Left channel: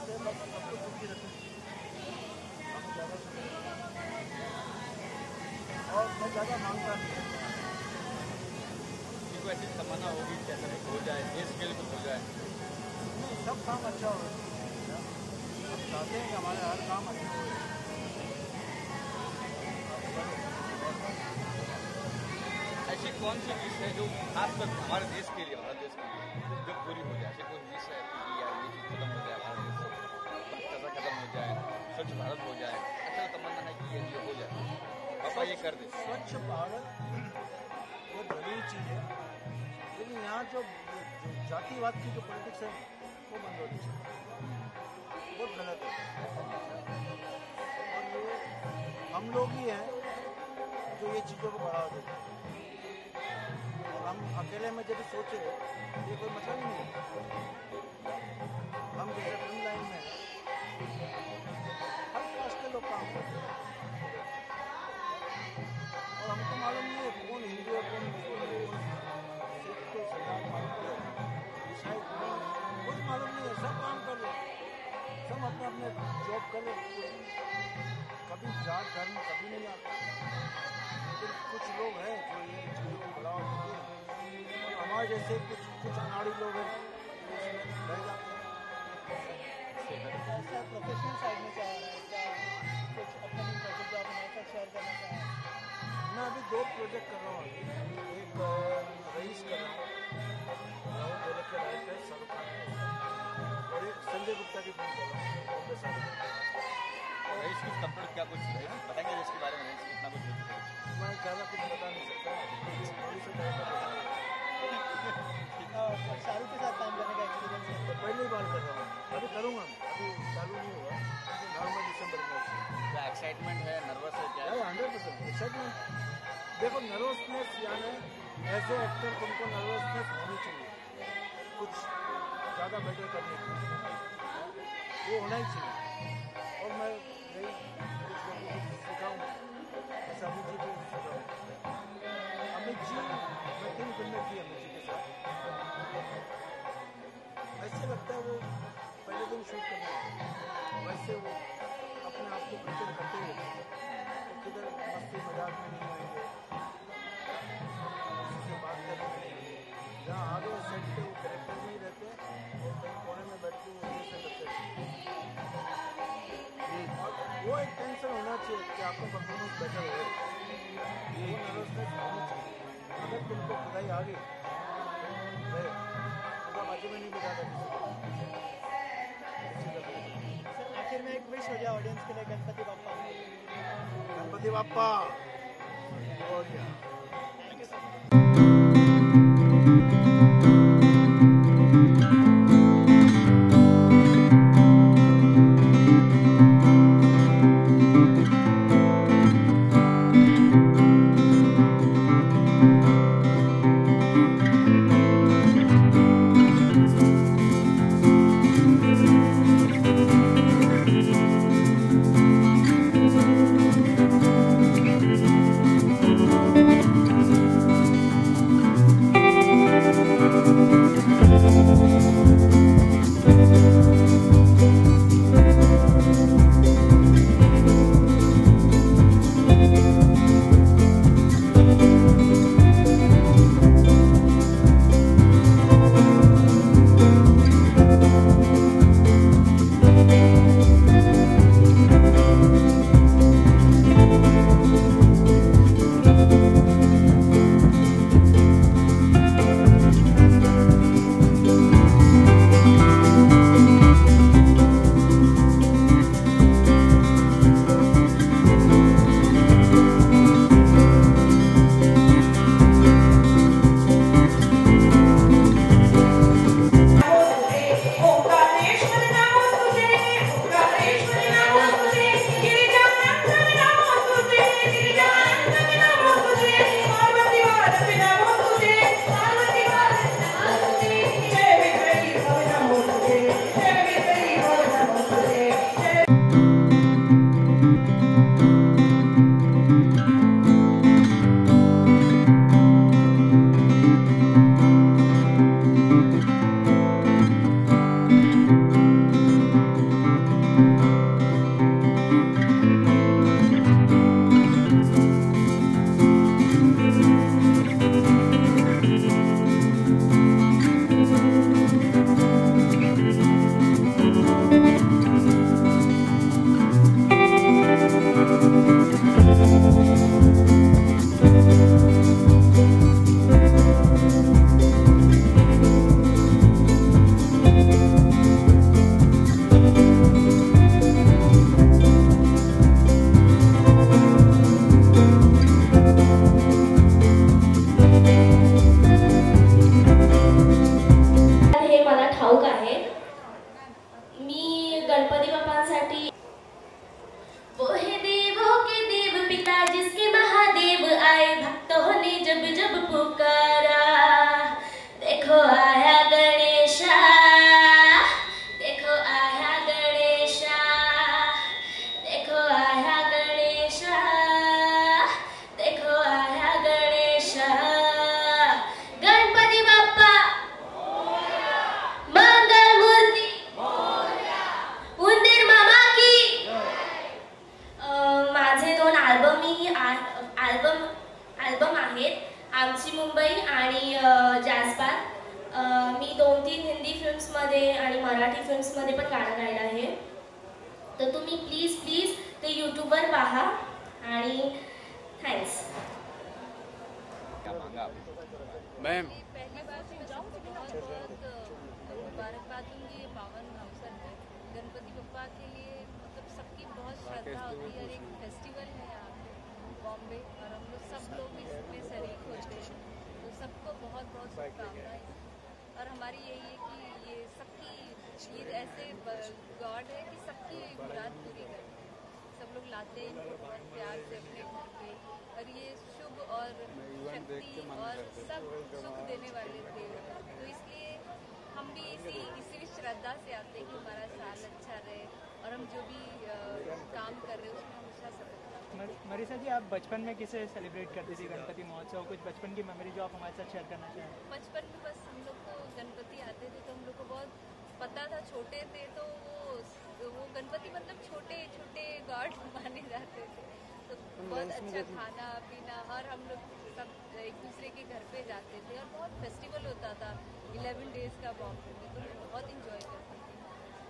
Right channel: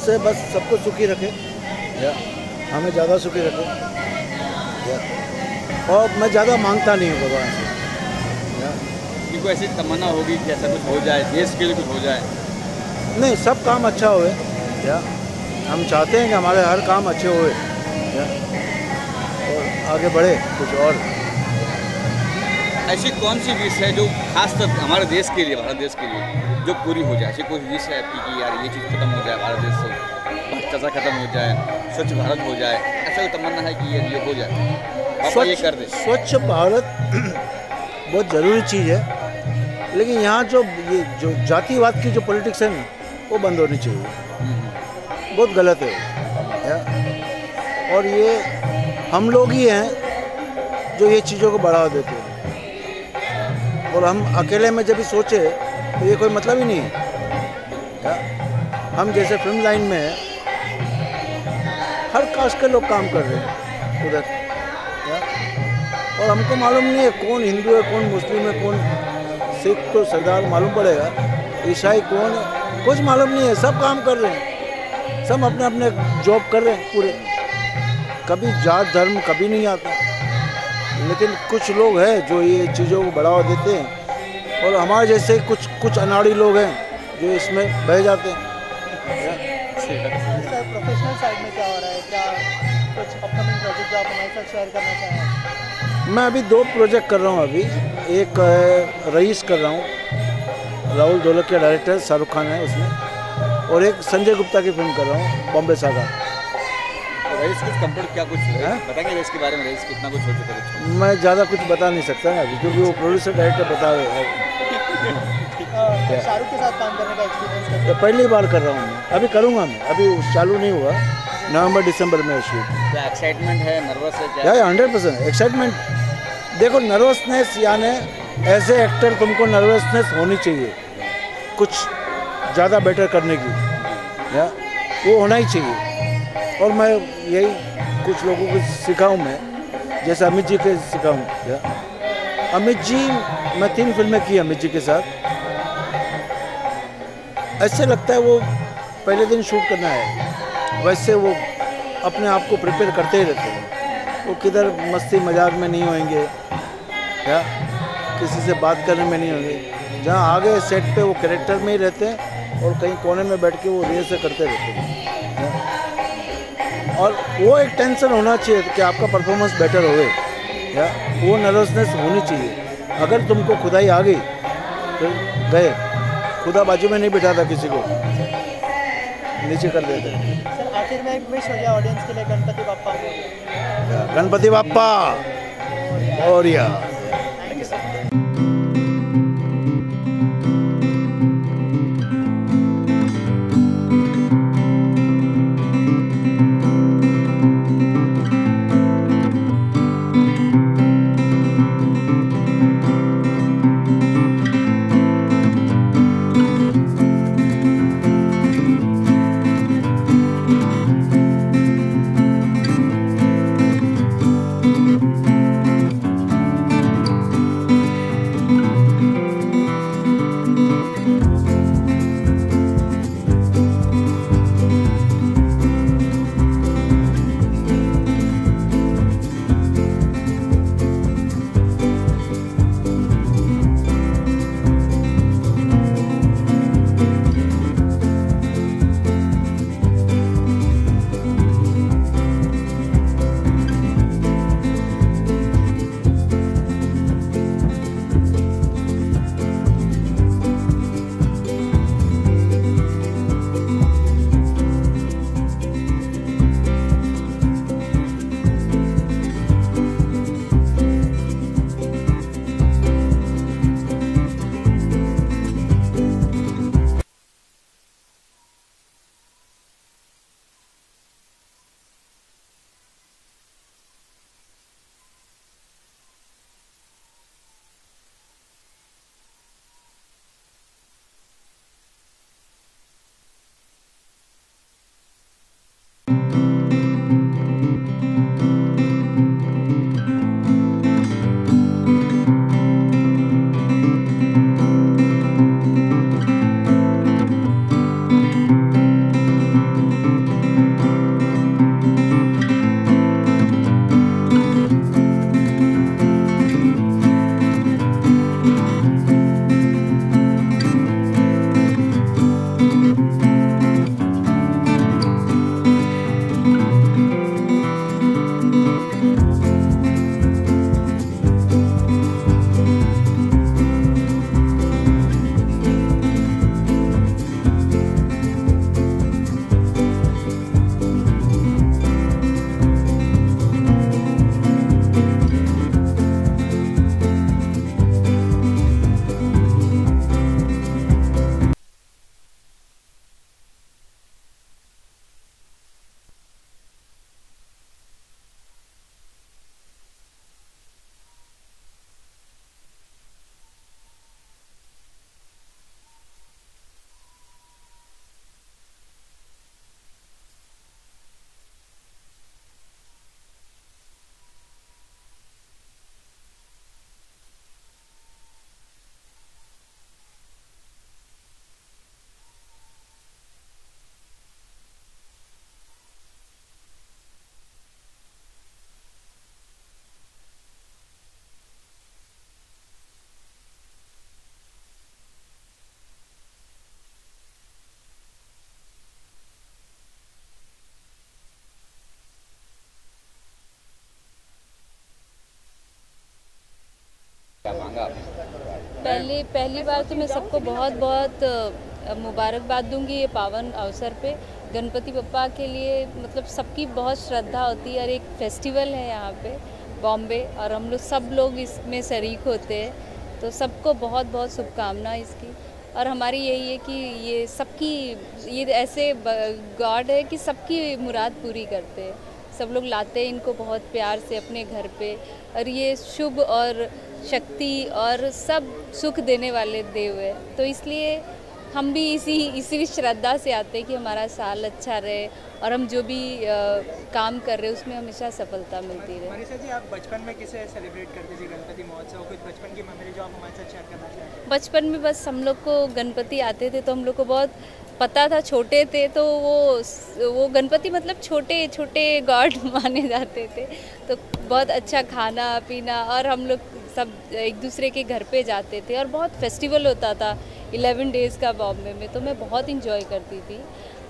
से बस सबको सुखी रखे या हमें ज़्यादा सुखी रखे या, और मैं ज़्यादा मांगता नहीं हूँ भगवान से या। कि कोई ऐसी तमन्ना होगी कि ऐसा कुछ हो जाए, देश के लिए कुछ हो जाए? नहीं, सब काम अच्छा होए या हम चाहते हैं कि हमारे हर काम अच्छे होए या और आगे बढ़े कुछ और। ऐसी कौन सी विश है जो खासकर हमारे देश के लिए, भारत देश के लिए जो पूरी हो जाए? ऐसी कोई विश है आपकी कि यार ये चीज़ खत्म हो जाए भारत देश से, भ्रष्टाचार खत्म हो जाए, स्वच्छ भारत हो जाए, ऐसा कोई तमन्ना है कि ये हो जाए, आप ये कर दें? स्वच्छ भारत बहुत ज़रूरी चीज़ है, लेकिन यहाँ ये जो जातिवाद की जो पॉलिटिक्स है ना, वो बंद होनी चाहिए। बहुत गलत है या? और ये हम लोग ही हैं जो ये चीज़ों को बढ़ावा देते हैं, और हम अकेले में जब भी सोचे तो ये कोई मतलब ही नहीं है या? हम जैसे फिल्म लाइन में है, हर कास्ट के लोग काम कर रहे हैं उधर या? और हमको मालूम नहीं है कौन हिंदू है, कौन मुस्लिम है, कौन सिख तो सरदार मालूम पड़ेगा, ईसाई कौन है कुछ मालूम नहीं है। सब काम कर रहे हैं, सब अपने अपने जॉब कर रहे हैं पूरे, कभी जात धर्म कभी नहीं आता। लेकिन कुछ लोग हैं जो ये चीज़ों को बढ़ावा देते हैं, और हमारे जैसे कुछ अनाड़ी लोग हैं जो इसमें बह जाते हैं। सर, प्रोफेशनल साइड में क्या हो रहा है? क्या कुछ अपकमिंग प्रोजेक्ट जो आप हमारे साथ शेयर करना चाहें? मैं अभी 2 प्रोजेक्ट कर रहा हूँ। अभी एक रईस कर रहा हूँ, राहुल ढोलकिया डायरेक्टर, शाहरुख खान है उसमें, और एक संजय गुप्ता की फिल्म कर रहा हूँ, बॉम्बे सागा। रईस कुछ कंप्लीट क्या कुछ बताएंगे रईस के बारे में? रईस कितना कुछ हो चुका है? मैं ज़्यादा कुछ बता नहीं सकता ना अभी, क्योंकि वो प्रोड्यूसर डायरेक्टर बता रहे हैं। शाहरुख के साथ काम करने का एक्सपीरियंस है? पहली बार कर रहा हूँ मैं, अभी करूँगा मैं, अभी चालू नहीं हुआ, नवंबर दिसंबर में शूट। क्या एक्साइटमेंट है, नर्वस है क्या? 100% एक्साइटमेंट। देखो, नर्वसनेस यानी एज ए एक्टर तुमको नर्वसनेस होनी चाहिए कुछ ज़्यादा बेटर करने की या वो होना ही चाहिए। और मैं यही कुछ लोगों को सिखाऊँ, मैं जैसे अमित जी के सिखाऊँ या। अमित जी, मैं 3 फिल्में की अमित जी के साथ। ऐसे लगता है वो पहले दिन शूट करना है, वैसे वो अपने आप को प्रिपेयर करते ही रहते हैं। वो किधर मस्ती मजाक में नहीं होंगे या किसी से बात करने में नहीं होंगे। जहाँ आगे सेट पे वो कैरेक्टर में ही रहते हैं, और कहीं कोने में बैठ के वो रिहर्सल करते रहते हैं या? और वो एक टेंशन होना चाहिए कि आपका परफॉर्मेंस बेटर होवे या वो नर्वसनेस होनी चाहिए। अगर तुमको खुदाई आ गई फिर गए, खुदा बाजू में नहीं बिठाता किसी को, नीचे कर देते। सर, आखिर में एक विश हो गया ऑडियंस के लिए, Ganpati Bappa Morya. Ganpati Bappa Morya. Thank you sir. फिल्म्समध्ये आणि मराठी फिल्म्समध्ये पण गाणं गायलं आहे. तर तुम्ही प्लीज प्लीज ते यूट्यूबवर पहा आणि थँक्स. क्या मांगा आपने? पहली बार तो मैं सबको बहुत बहुत मुबारकबाद दूंगी ये पावन अवसर पे. गणपति बप्पा के लिए मतलब सबकी बहुत श्रद्धा होती है और एक फेस्टिवल है यहाँ पे बॉम्बे, और हम लोग सब लोग इसमें शरीक होते हैं. तो सबको बहुत बहुत शुभकामनाएं इसकी. और हमारी यही है कि ये सबकी, ये ऐसे गॉड है कि सबकी मुराद पूरी करते हैं. सब लोग लाते हैं इनको बहुत प्यार से अपने घर पे, और ये शुभ और शक्ति और सब सुख देने वाले देव है. तो इसलिए हम भी इसी श्रद्धा से आते हैं कि हमारा साल अच्छा रहे और हम जो भी काम कर रहे हैं उसमें हमेशा सफलता मिलती रहे. मनीषा जी, आप बचपन में किसे सेलिब्रेट करती थी गणपति महोत्सव? कुछ बचपन की मेमोरी जो आप हमारे साथ शेयर करना चाहें? बचपन में बस हम लोग को गणपति आते थे तो हम लोग को बहुत पता था, छोटे थे तो वो गणपति मतलब छोटे छोटे गॉड माने जाते थे. तो बहुत अच्छा खाना पीना, और हम लोग सब एक दूसरे के घर पे जाते थे और बहुत फेस्टिवल होता था 11 डेज़ का बॉम्बे में. तो मैं बहुत इंजॉय करती थी,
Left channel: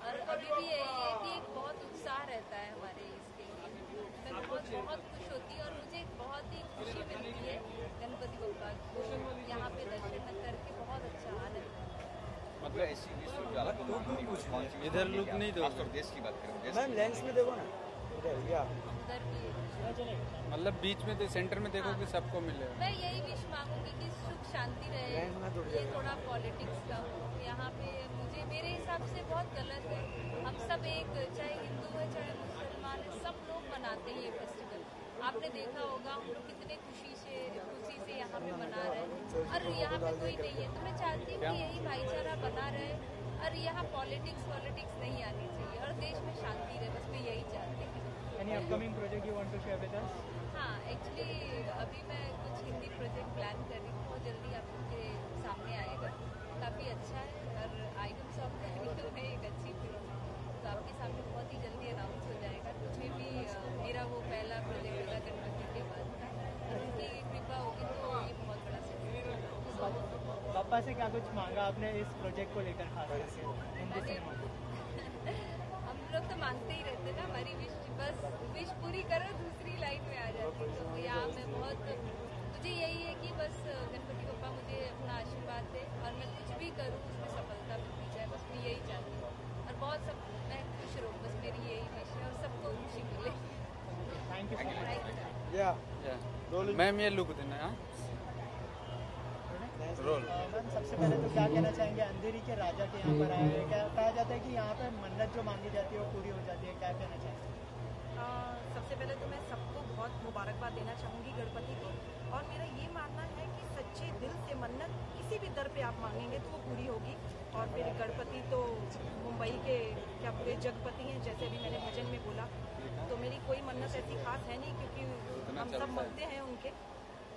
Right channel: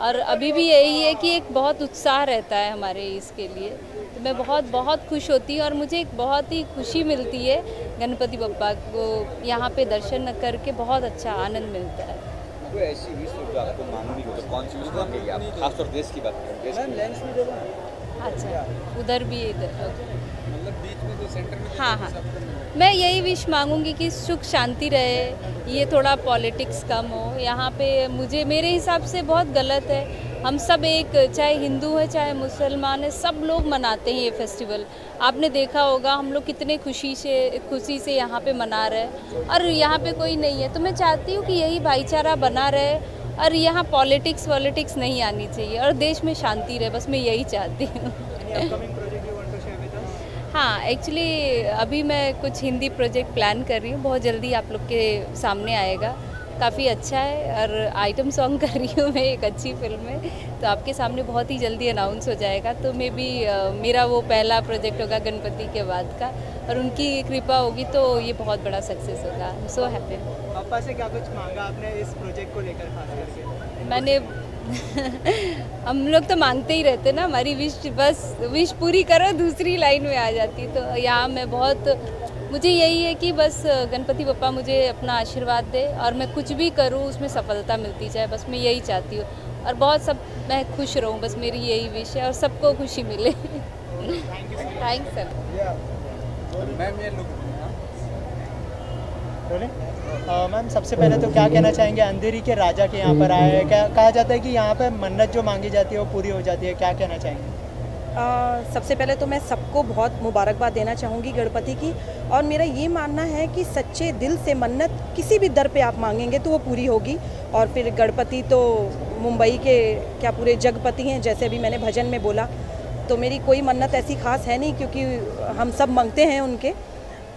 और अभी भी यही है कि एक बहुत उत्साह रहता है हमारे इसके लिए. तो मैं बहुत बहुत खुश होती हूँ और मुझे एक बहुत ही खुशी मिलती है गणपति बप्पा को यहाँ पे दर्शन करके. बहुत अच्छा आनंद मिलता है. कोई ऐसी विश जो आपको मांगनी हो तो कौन सी विश मांगेंगे आप? खासतौर देश की बात करें. मैम लेंस में देखो ना. अच्छा, उधर भी इधर मतलब बीच में तो सेंटर में हाँ हाँ, सबको मिले. मैं यही विश मांगूंगी कि सुख शांति रहे, ये थोड़ा पॉलिटिक्स कम हो यहाँ पे. मेरे हिसाब से बहुत गलत है. हम सब एक, चाहे हिंदू है चाहे मुसलमान है, सब लोग मनाते हैं ये फेस्टिवल. आपने देखा होगा हम लोग कितने खुशी से यहाँ पे मना रहे हैं, और यहाँ पे कोई नहीं है. तो मैं चाहती हूँ कि यही भाईचारा बना रहे और यहाँ पॉलिटिक्स नहीं आनी चाहिए और देश में शांति रहे. बस मैं यही चाहती हूँ. हाँ, एक्चुअली अभी मैं कुछ हिंदी प्रोजेक्ट प्लान कर रही हूँ, बहुत जल्दी आप लोग के सामने आएगा. काफ़ी अच्छा है, और आइटम सॉन्ग कर रही हूँ मैं एक अच्छी फिल्म में, तो आपके सामने बहुत ही जल्दी अनाउंस हो जाएगा. तो मे बी मेरा वो पहला प्रोजेक्ट होगा गणपति के बाद का, और उनकी कृपा होगी तो ये बहुत बड़ा सक्सेस होगा. I am so happy. पापा से क्या कुछ मांगा आपने इस प्रोजेक्ट को लेकर खास करके? मैंने हम लोग तो मांगते ही रहते ना, हमारी विश पूरी करो दूसरी लाइन में आ जाती. तो यहाँ मैं बहुत, मुझे यही है कि बस गणपति बप्पा मुझे अपना आशीर्वाद दे और मैं कुछ भी करूँ उसमें सफलता मिलती जाए. बस मैं यही चाहती हूँ, और बहुत मैं खुश रहूँ. बस मेरी यही विश है, और सबको खुशी मिले. Thanks sir. मैम ये लुक देना. बोले मैम, सबसे पहले तो क्या कहना चाहेंगे? अंधेरी के राजा के यहाँ पर आए हैं. क्या कहा जाता है कि यहाँ पर मन्नत जो मांगी जाती है वो पूरी हो जाती है. क्या कहना चाहेंगे? सबसे पहले तो मैं सबको बहुत मुबारकबाद देना चाहूँगी गणपति की. और मेरा ये मानना है कि सच्चे दिल से मन्नत किसी भी दर पे आप मांगेंगे तो वो पूरी होगी. और फिर गणपति तो मुंबई के क्या पूरे जगपति हैं, जैसे अभी मैंने भजन में बोला. तो मेरी कोई मन्नत ऐसी खास है नहीं, क्योंकि हम सब मांगते हैं उनके,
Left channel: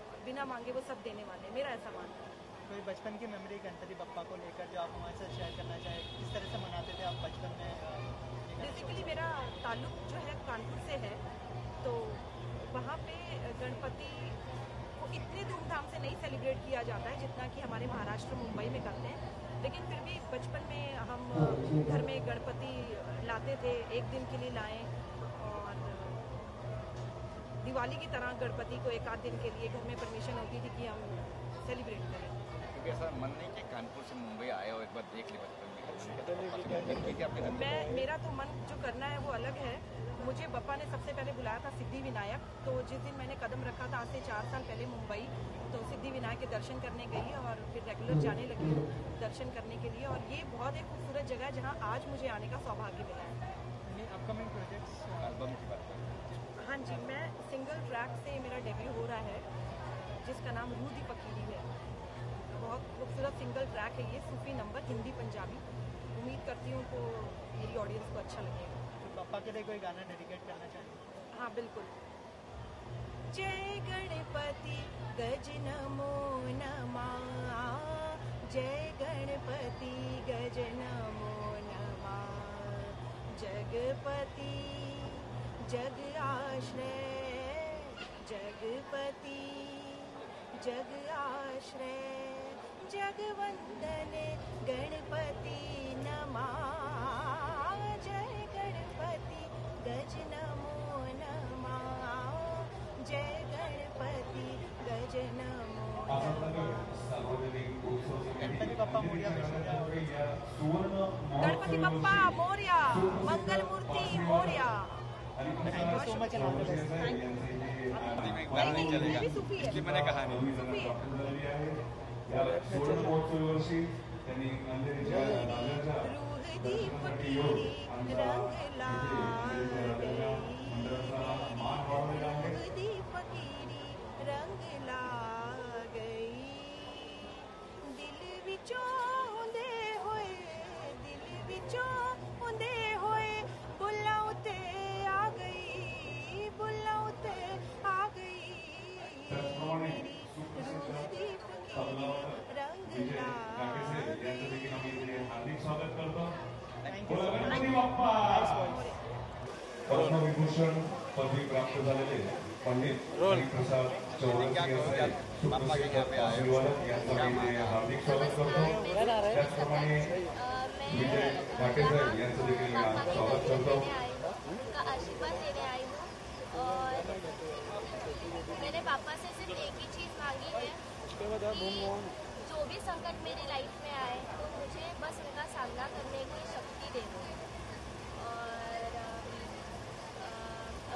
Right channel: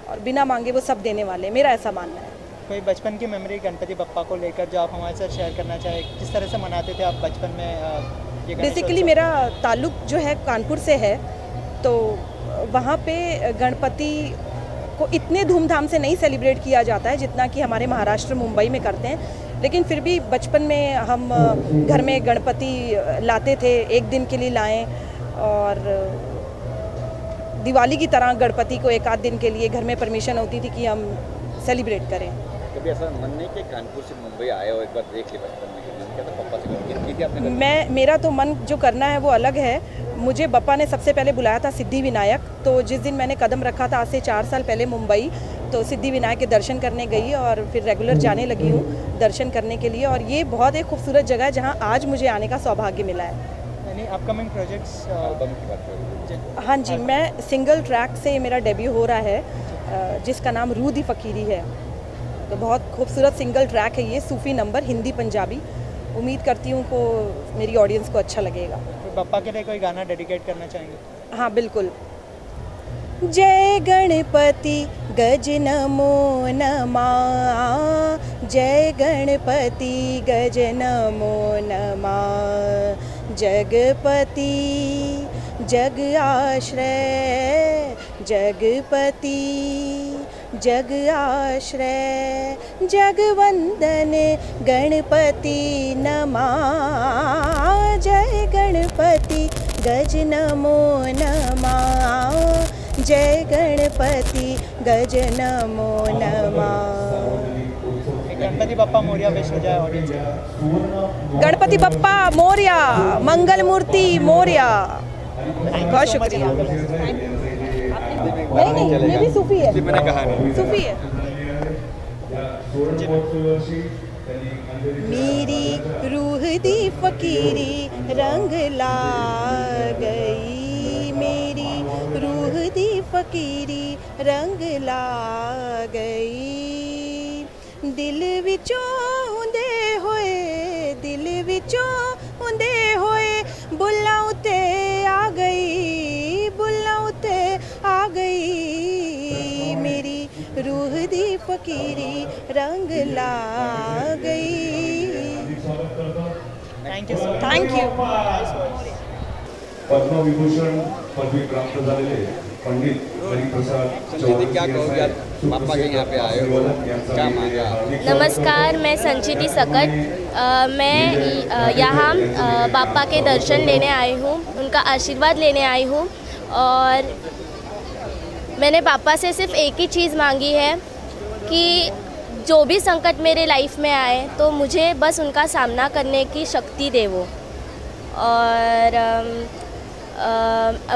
और बिना मांगे वो सब देने वाले. मेरा ऐसा मानना है. कोई बचपन की मेमोरी गणपति बप्पा को लेकर जो आप हमारे साथ शेयर करना चाहें? किस तरह से मनाते थे आप बचपन में? बेसिकली मेरा ताल्लुक जो है कानपुर से है, तो वहाँ पे गणपति को इतने धूमधाम से नहीं सेलिब्रेट किया जाता है जितना कि हमारे महाराष्ट्र मुंबई में करते हैं. लेकिन फिर भी बचपन में हम घर में गणपति लाते थे, एक दिन के लिए लाएं, और दिवाली की तरह गणपति को एक आध दिन के लिए घर में परमिशन होती थी कि हम सेलिब्रेट करें. कभी ऐसा मन नहीं कि कानपुर से मुंबई आए और एक बार देख ले बचपन में? पापा से की थी आपने? मेरा तो मन जो करना है वो अलग है. मुझे बप्पा ने सबसे पहले बुलाया था सिद्धि विनायक. तो जिस दिन मैंने कदम रखा था आज से 4 साल पहले मुंबई, तो सिद्धि विनायक के दर्शन करने गई और फिर रेगुलर जाने लगी हूँ दर्शन करने के लिए. और ये बहुत एक खूबसूरत जगह है जहाँ आज मुझे आने का सौभाग्य मिला है. यानी अपकमिंग प्रोजेक्ट्स एल्बम की बात करें? हाँ जी, मैं सिंगल ट्रैक से मेरा डेब्यू हो रहा है, जिसका नाम रूह दी फ़कीरी है. तो बहुत खूबसूरत सिंगल ट्रैक है ये, सूफ़ी नंबर, हिंदी पंजाबी. उम्मीद करती हूँ को मेरी ऑडियंस को अच्छा लगेगा. तो बप्पा के लिए कोई गाना डेडिकेट करना चाहेंगे? हाँ बिल्कुल. जय गणपति गज नमो नमः, जय गणपति गज नमो नमः. जगपति जग आश्रय जगपति जग आश्रय जगवंदन गणपति नमा। जय गणपति गज नमो नमः। जय गणपति गज नमो नमः। गणपति बप्पा मोरिया विश हो जाए ऑडियंस को। गणपति बप्पा मोरिया, मंगल मूर्ति मोरिया। बहुत शुक्रिया। नहीं ये भी सूफी है, सूफी है। मेरी रूह दी फकीरी रंग ला गई। मेरी रूह दी फकीरी रंग ला गई। दिल विचों हुंदे होए, दिल विचों हुंदे होए बुल्लां उते आ गई, बुल्लां उते आ गई। मेरी रूह दी फकीरी रंग ला गई। Thank you so thank you. Padma Vibhushan पदवी प्राप्त झालेले पंडित हरिप्रसाद संचिति, क्या कहोगे आज बापा के यहाँ पे आए हो, क्या मांगा? नमस्कार, मैं संचिति सकट। मैं यहाँ बापा के दर्शन लेने आई हूँ, उनका आशीर्वाद लेने आई हूँ। और मैंने पापा से सिर्फ एक ही चीज़ मांगी है कि जो भी संकट मेरे लाइफ में आए तो मुझे बस उनका सामना करने की शक्ति दे वो। और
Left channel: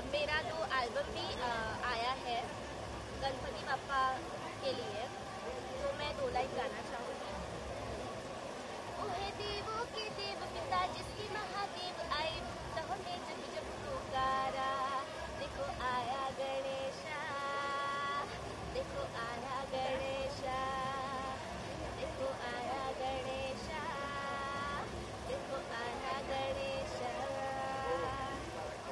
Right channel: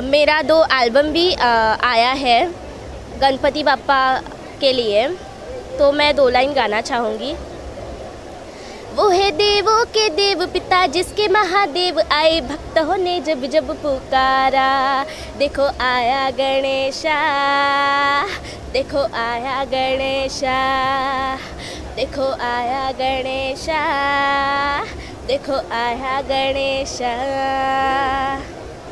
मेरा 2 एल्बम भी आया है गणपति बापा के लिए, तो मैं 2 लाइन गाना चाहूँगी। वो है देवों के देव पिता जिसके महादेव आए, भक्तों ने जब जब पुकारा। देखो आया गणेशा, देखो आया गणेशा, देखो आया गणेशा, देखो आया गणेशा।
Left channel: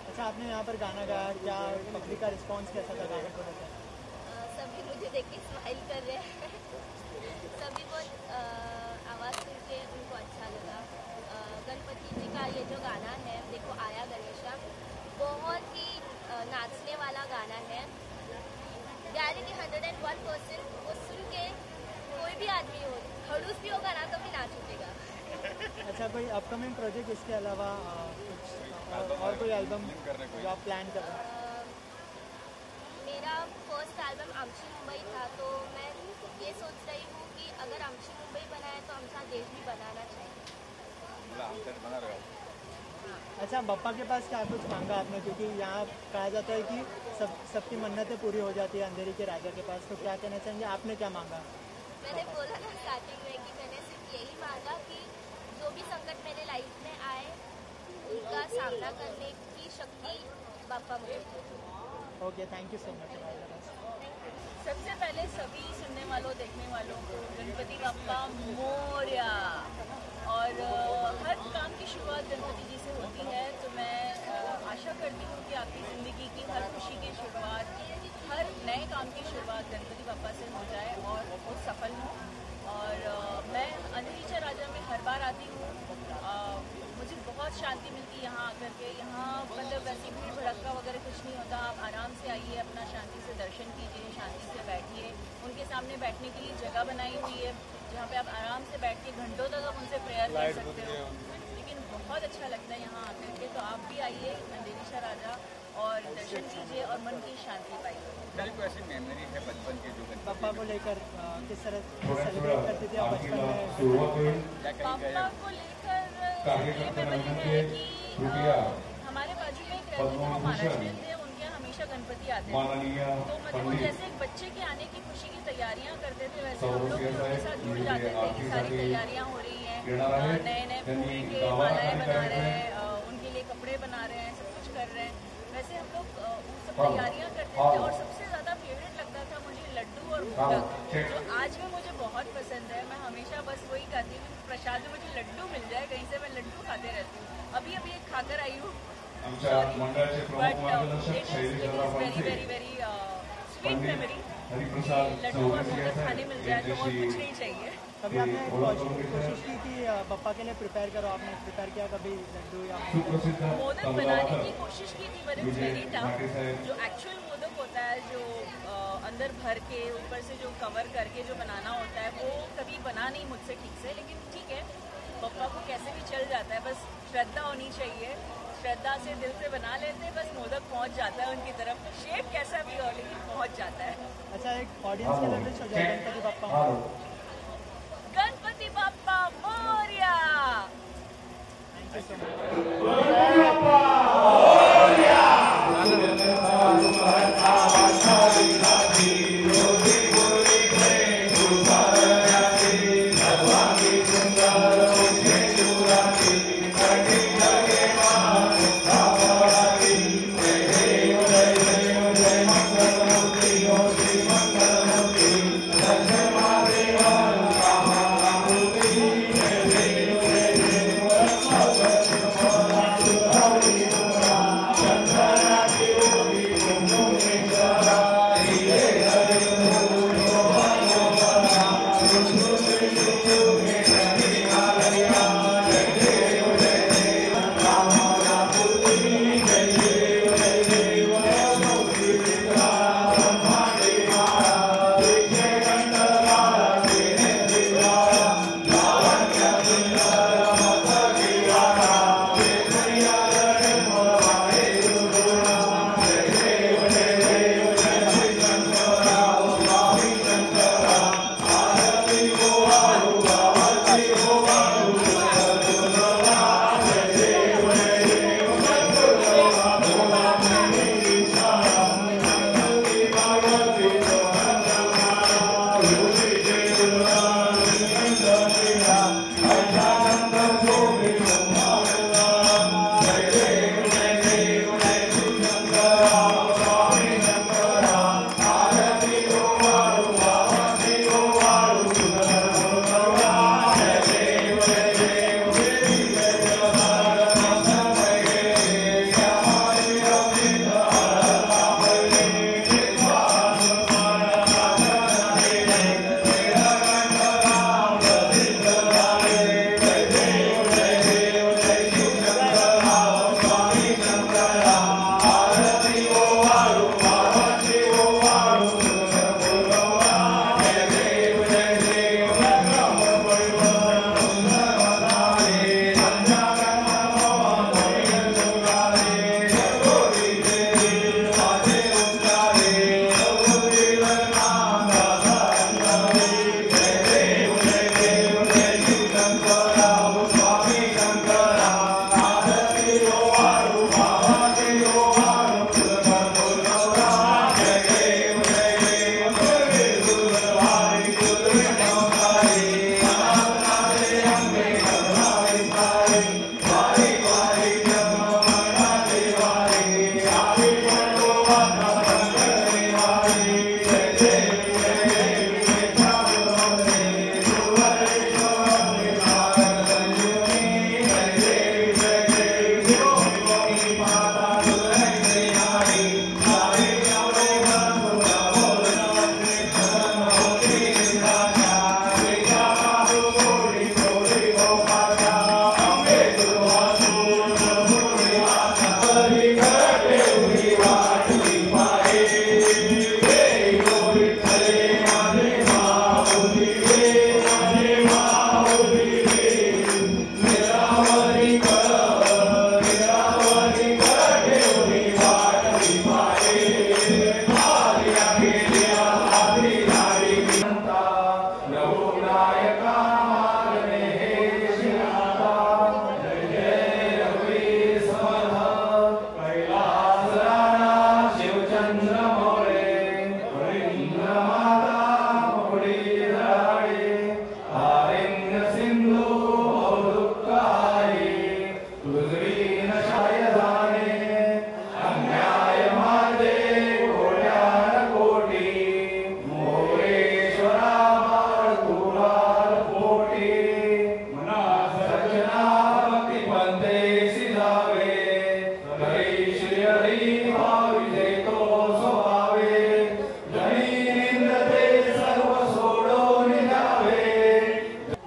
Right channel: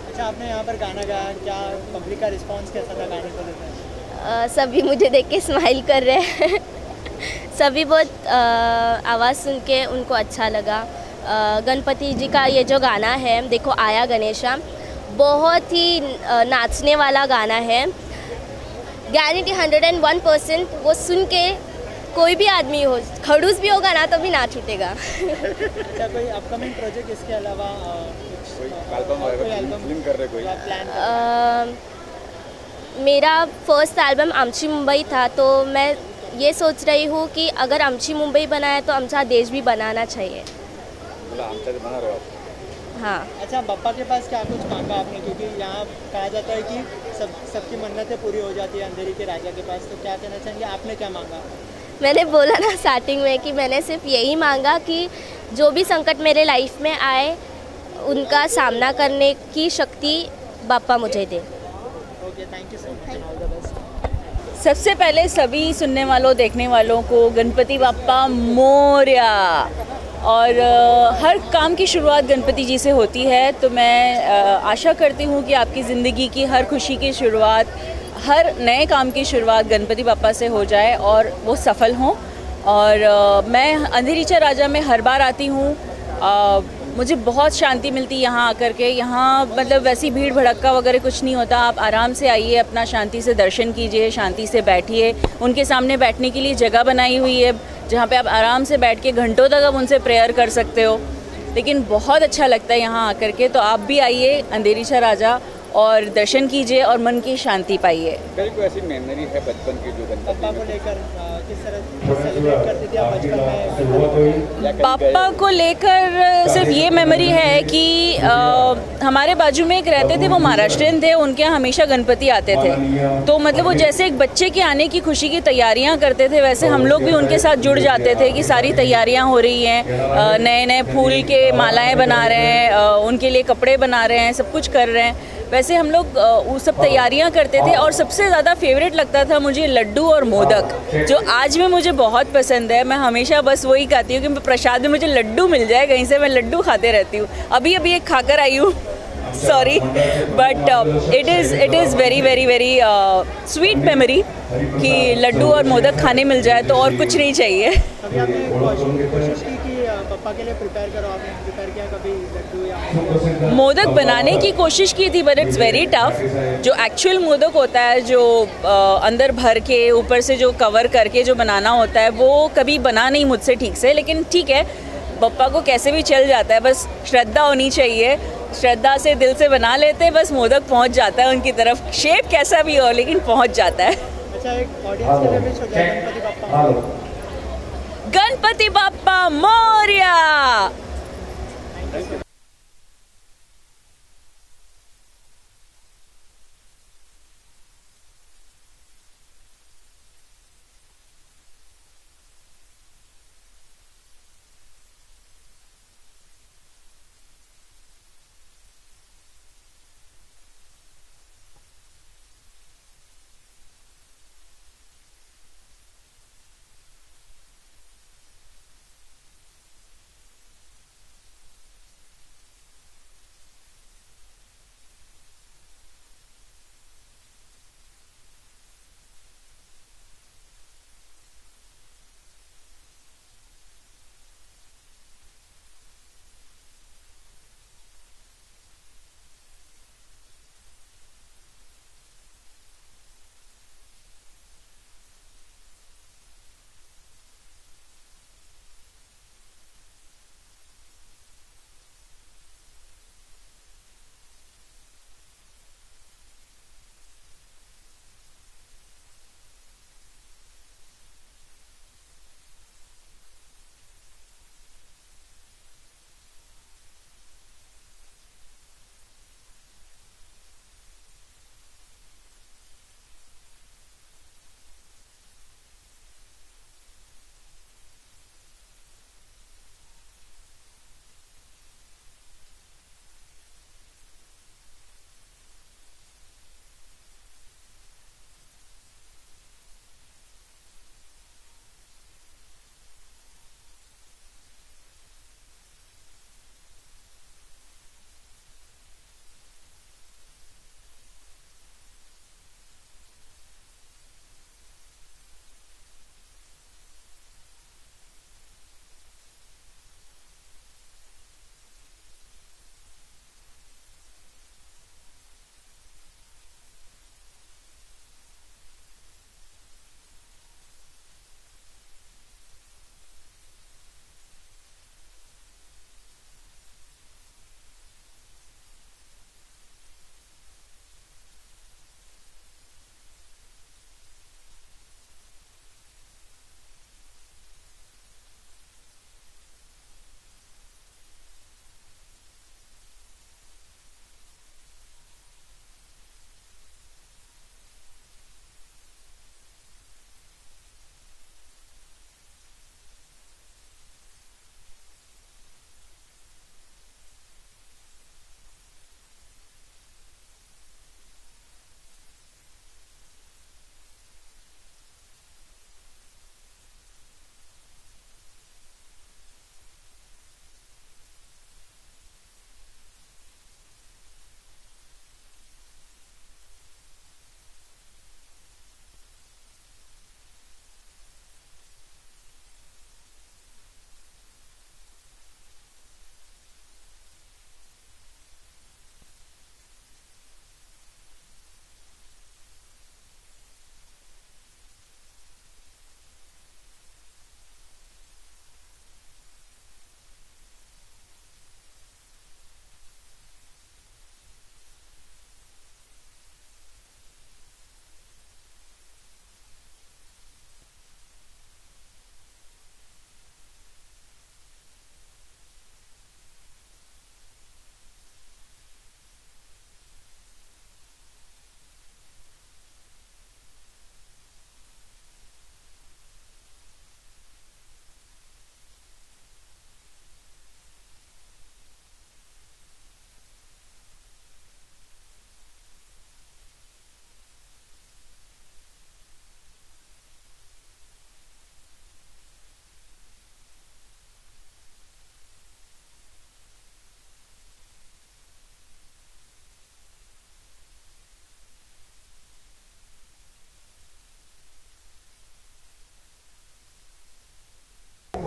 अच्छा, आपने यहाँ पर गाना गाया, क्या पब्लिक का रिस्पांस कैसा था गाने को लेकर? सभी मुझे देख के स्माइल कर रहे हैं। सभी बहुत आवाज़ सुन के उनको अच्छा लगा। गणपति जी का ये जो गाना है देखो आया गणेशा, बहुत ही नाचने वाला गाना है। गारंटी 101% वो सुन के कोई भी आदमी हो, खड़ूस भी होगा ना तो भी नाच उठेगा। अच्छा, कोई अपकमिंग प्रोजेक्ट इसके अलावा फिल्म कर रहे कोई प्लान? मेरा फर्स्ट एल्बम आमची मुंबई था, तो मैं ये सोच रही हूँ कि अगर आमची मुंबई बनाया तो आमचा देश भी बनाना चाहिए। बना रहे हो? हाँ। अच्छा, बप्पा के पास क्या कुछ मांगा आपने, क्योंकि यहाँ कहा जाता है कि सबकी मन्नतें पूरी हो जाती है अंधेरी के राजा के पास, तो क्या कहना चाहेंगे, आपने क्या मांगा? मैंने बोला ना स्टार्टिंग में कि मैंने सिर्फ यही मांगा कि जो भी संकट मेरे लाइफ में आए उनका सामना करने की शक्ति बापा मुझे दे। Okay, thank you so much, all the best. सबसे पहले सभी सुनने वालों देखने वालों को गणपति बाप्पा मोरया। और हर काम की शुरुआत गणपति जी से होती है, तो मैं आशा करती हूँ कि आपकी ज़िंदगी की हर खुशी की शुरुआत, हर नए काम की शुरुआत गणपति बाप्पा से हो जाए और वो सफल हों। और मैं अंधेरीचा राजा में हर बार आती हूँ, मुझे बहुत शांति मिलती है यहाँ आकर के। यहाँ मतलब वैसी भीड़ भड़क्का वगैरह कुछ नहीं होता। आप आराम से आइए, अपना शांति से दर्शन कीजिए, शांति से बैठिए। उनके सामने बैठने के लिए जगह बनाई हुई है जहाँ पे आप आराम से बैठ के घंटों तक आप उनसे प्रेयर कर सकते हो। लेकिन बहुत अच्छा लगता है यहाँ आकर के, तो आप भी आइए अंधेरीचा राजा और दर्शन कीजिए और मन की शांति पाइए। कोई ऐसी मेमोरी है बचपन की जो पापा को लेकर किस तरह सेलिब्रेट करती थी आप बचपन में? पापा को लेकर सिर्फ ये मेमोरी है कि हमारे बाजू में एक रहते थे, वो महाराष्ट्रियन थे, उनके यहाँ हमेशा गणपति आते थे। तो मतलब वो जैसे एक बच्चे के आने की खुशी की तैयारियाँ करते थे, वैसे हम लोग भी उनके साथ जुड़ जाते थे कि सारी तैयारियाँ हो रही हैं, नए नए फूल के मालाएँ बना रहे हैं, उनके लिए कपड़े बना रहे हैं, सब कुछ कर रहे हैं। वैसे हम लोग वो सब तैयारियां करते थे। और सबसे ज़्यादा फेवरेट लगता था मुझे लड्डू और मोदक, जो आज भी मुझे बहुत पसंद है। मैं हमेशा बस वही खाती हूँ कि प्रसाद में मुझे लड्डू मिल जाए कहीं से, मैं लड्डू खाते रहती हूँ। अभी एक खाकर आई हूँ, sorry, but it is very very very sweet memory कि लड्डू और मोदक खाने मिल जाए तो और कुछ नहीं चाहिए। अभी आपने कोशिश की कि पप्पा के लिए प्रिपेयर करो, आपने प्रिपेयर किया कभी लड्डू या मोदक बनाने की कोशिश की थी, बट इट्स वेरी टफ। जो एक्चुअल मोदक होता है, जो अंदर भर के ऊपर से जो कवर करके जो बनाना होता है, वो कभी बना नहीं मुझसे ठीक से, लेकिन ठीक है, पप्पा को कैसे भी चल जाता है, बस श्रद्धा होनी चाहिए, श्रद्धा से दिल से बना लेते हैं, बस मोदक पहुंच जाता है उनकी तरफ, शेप कैसा भी हो लेकिन पहुंच जाता है। अच्छा, एक ऑडियंस के लिए भी हो जाए गणपति बाप्पा। गणपति बाप्पा मोरया।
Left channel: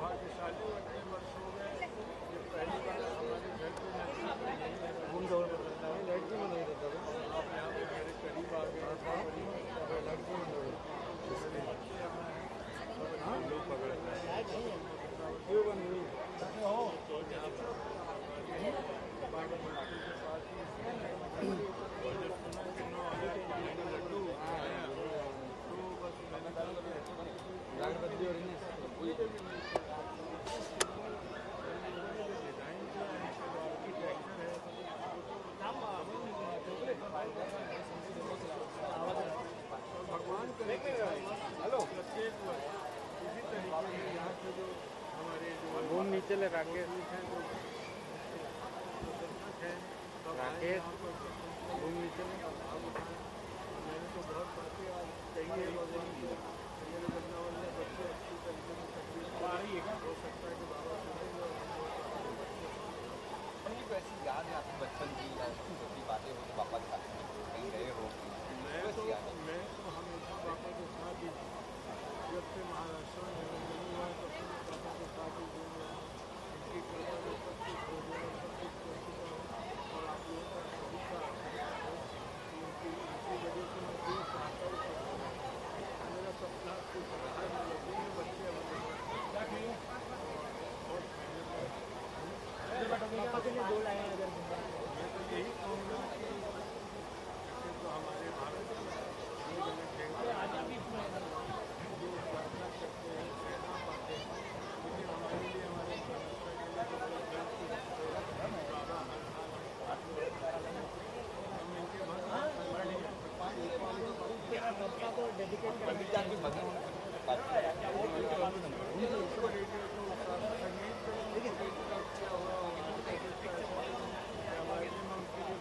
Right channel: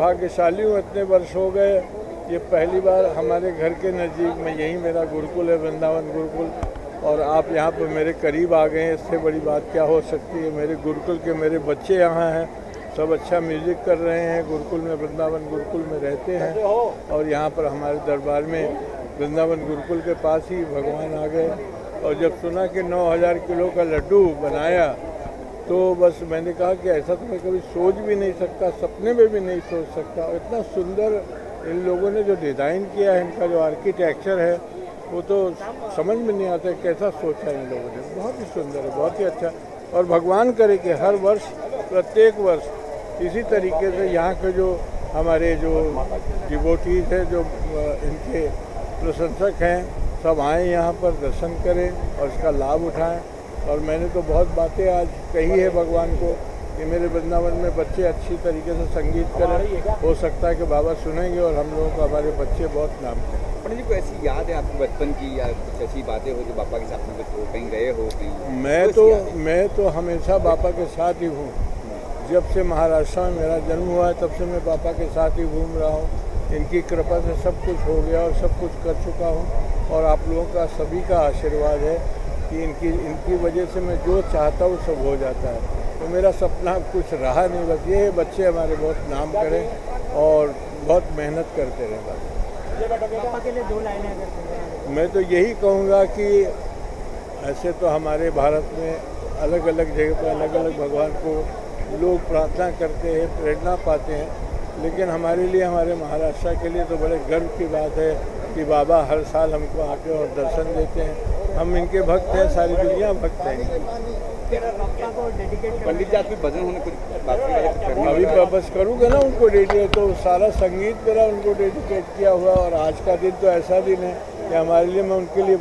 भाग्यशाली हूँ, इतने वर्ष हो गए। ये पहली बार हमारे घर के नज़दीक में, यही मेरा गुरुकुल है, वृंदावन गुरुकुल, और आप यहाँ पर मेरे करीब आ गए हैं। इससे बड़ी बात क्या हो सकती है। मेरे गुरुकुल के मेरे बच्चे यहाँ हैं, सब अच्छा म्यूज़िक कर रहे हैं। गुरुकुल में, वृंदावन गुरुकुल में रहते हैं, और यहाँ पर हमारे दरबार में वृंदावन गुरुकुल के पास ही भगवान आ गए। और जब सुना कि 9000 किलो का लड्डू बनाया, तो बस मैंने कहा कि ऐसा तो मैं कभी सोच भी नहीं सकता, सपने में भी नहीं सोच सकता। और इतना सुंदर इन लोगों ने जो डिज़ाइन किया है, इनका जो आर्किटेक्चर है, वो तो समझ में नहीं आता कैसा सोचा इन लोगों ने। बहुत ही सुंदर है, बहुत ही अच्छा। और भगवान करे कि हर वर्ष, प्रत्येक वर्ष इसी तरीके से यहाँ के जो हमारे जो डिवोटीज हैं, जो इनके प्रशंसक हैं, सब आएँ यहाँ पर, दर्शन करें और इसका लाभ उठाएं। और मैंने तो बहुत बातें आज कही है भगवान को कि मेरे वृंदावन में बच्चे अच्छी तरीके से संगीत करें। हो सकता है कि बाबा सुनेंगे और हम लोगों को, हमारे बच्चे बहुत नाम करें। पंडित जी, कोई ऐसी याद है आपकी बचपन की, या कुछ ऐसी बातें हो जो पापा के साथ में कहीं गए हो कहीं? मैं तो हमेशा पापा के साथ ही हूँ। जब से महाराष्ट्र में मेरा जन्म हुआ है, तब से मैं पापा के साथ ही घूम रहा हूँ। इनकी कृपा से सब कुछ हो गया और सब कुछ कर चुका हूँ। और आप लोगों का, सभी का आशीर्वाद है कि इनकी वजह से मैं जो चाहता हूँ सब हो जाता है। तो मेरा सपना कुछ रहा नहीं, बस ये बच्चे हमारे बहुत नाम करें और बहुत मेहनत करते रहें। मैं तो यही कहूँगा कि ऐसे तो हमारे भारत में अलग अलग जगह पर अलग अलग भगवान को लोग प्रार्थना करते हैं, प्रेरणा पाते हैं, लेकिन हमारे लिए, हमारे महाराष्ट्र के लिए तो बड़े गर्व की बात है कि बाबा हर साल हमको आके और दर्शन देते हैं। हम इनके भक्त हैं, सारी दुनिया भक्त है। पंडित जी, आपकी भजन होने कुछ अभी बस करूँगा ना उनको डेडिकेट, तो सारा संगीत मेरा उनको डेडिकेट किया हुआ। और आज का दिन तो ऐसा दिन है कि हमारे लिए, मैं उनके लिए